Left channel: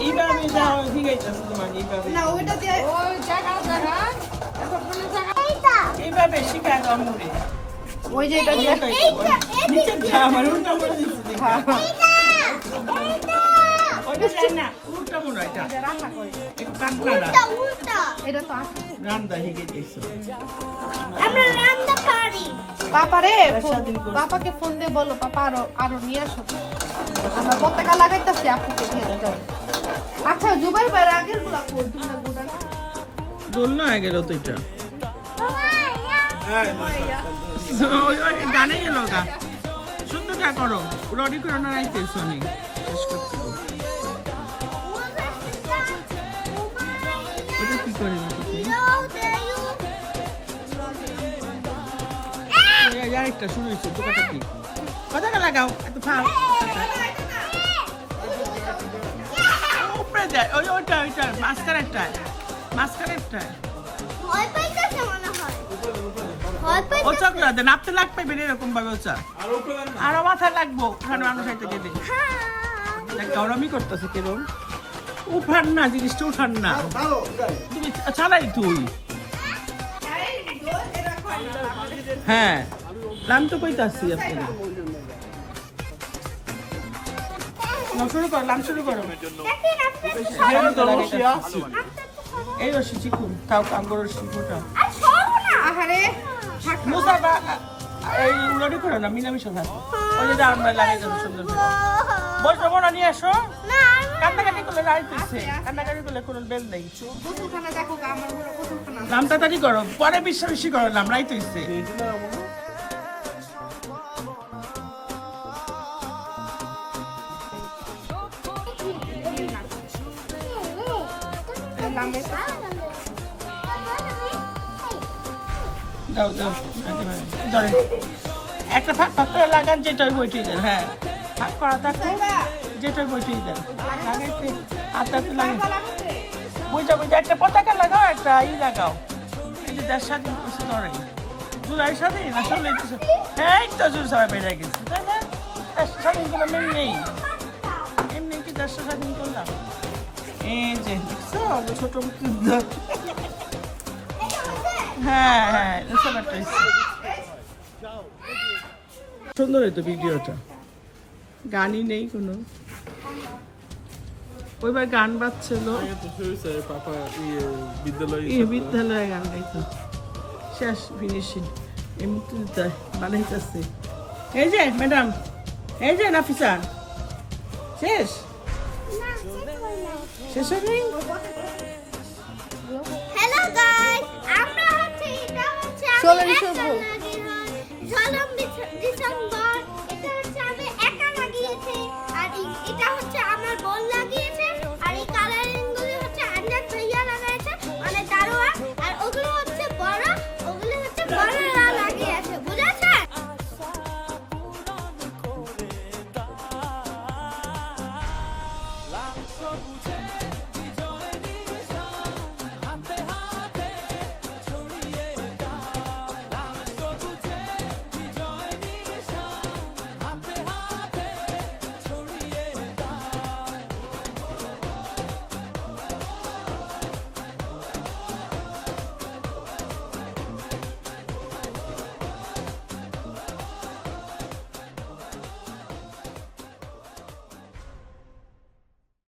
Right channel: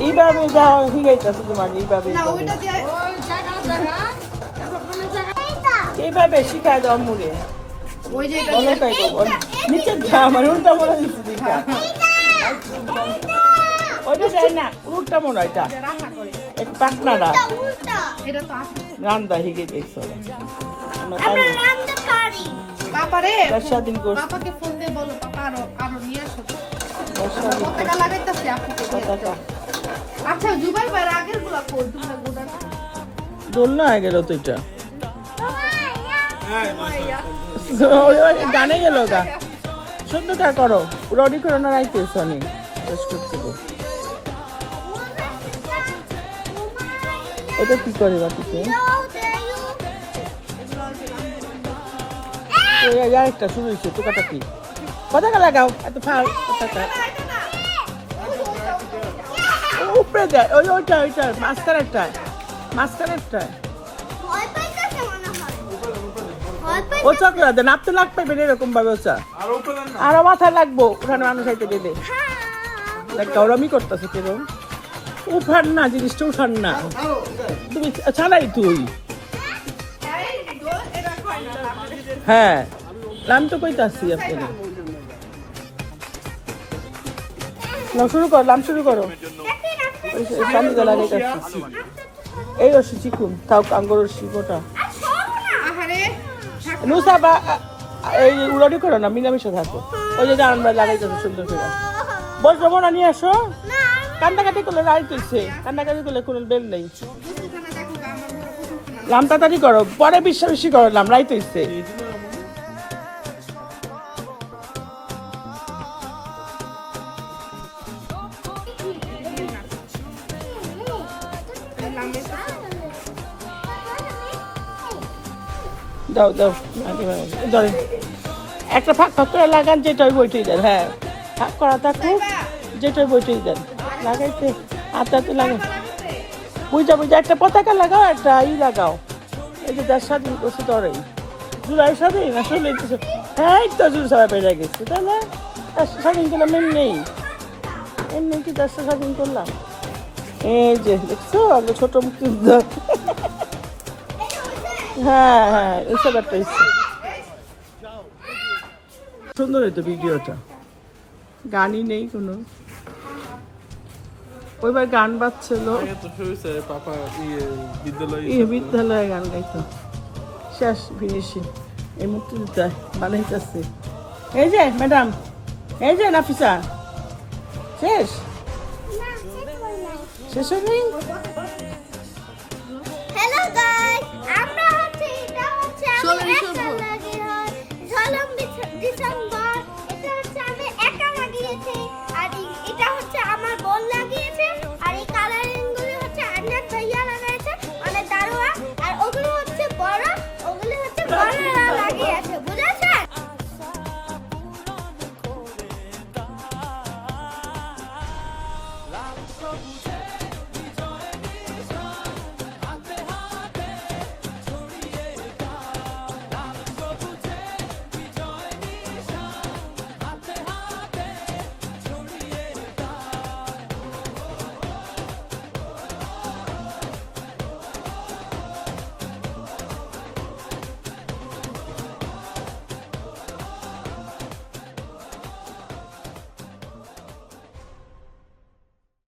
এইভাবে যাও হিগাইতেছে তোমার এইভাবে শিখায় দাও মুড়ে ওই যে আমার উল্টা মনে দিচ্ছি ওইটা চাই না উল্টা মনে এটা একটু পাতলা না এটা তো রান্দা হিগে দেখছো পাপারে পাপাকে ফোন দিয়ে বলো পাপা আরো নিয়ে আসো আমরা পতাকা লাগাইতেছি আপুকে আচ্ছা জুবাই ভাই আগের গুলা কই তোমরা গোটা দোল না হয়ে গেল তো এটা গানে গেল গা সুন্দরটা করো রডি করো না রাইতেছ অনেক শেষ করতে ওটা কি করে বাকিতে আরেকটা শুরু হয়েছে টোকাটা কি পতাকা লাগাও এত ফাল উপরে দেয় ওইটা মাঝখানেরটা ও চকলা দেন আপনি লাগ পাইবেন এরকম ভাবে ওচা আরো মাথায় লাগবো ওখানে মানুষ খাইতে গেলে গরমই করতেছে কেরম উঠান না জিনিসটা উঠান না তুমি ছাড়াই তুই হ্যাঁ নাম তো কইতাছি আপনাকে শুরু করো এই রসি চিকুন তাও আঙ্গুর রসি গোটা নুসাবা এই উড়ানি করো না মিলামিশা থাকো ওই জন্য আমরা লাগাই যাবো সুন্দর করে বসবো না নিয়ে আসো কান্দাকাটি করলে রাইট হচ্ছে কান্দাকাটি করলে কোনো বেল নেই লাম তাড়াতাড়ি করো পরে বেশি করো লাম রাইট হচ্ছে দাও একটা ফাঁক করে লাগান যেটাই বইটেই দেন হ্যাঁ ফাঁক করা থাকুক যেটাই বইটেই দেন লাগাইতে আস্তে লাগে বুঝা একটা পতাকা লাগাও একটা লাগাও এই যে দেশ স্বাধীন করছে তোরাই জুলাই স্বাধীন আসলে হ্যাঁ এই তো জুল সারা বেড়ে গেছে তাই না স্বাধীন করলাম এমনি কি দেশ স্বাধীন করলাম এই যে দেখছো ছোট মুক্তিযুদ্ধ হ্যাঁ সুন্দর হইতো ভিডিওটা গানই নেই কোনো ওইবার গান বাজছিল বিদ্যালয়ে গান গাইতো শেষ ফিনিশিং এই মুক্তিযোদ্ধা বানাইতেছে এই যে ম্যাডাম এই যে নাফিসা শেষ হয়নি Hello guys!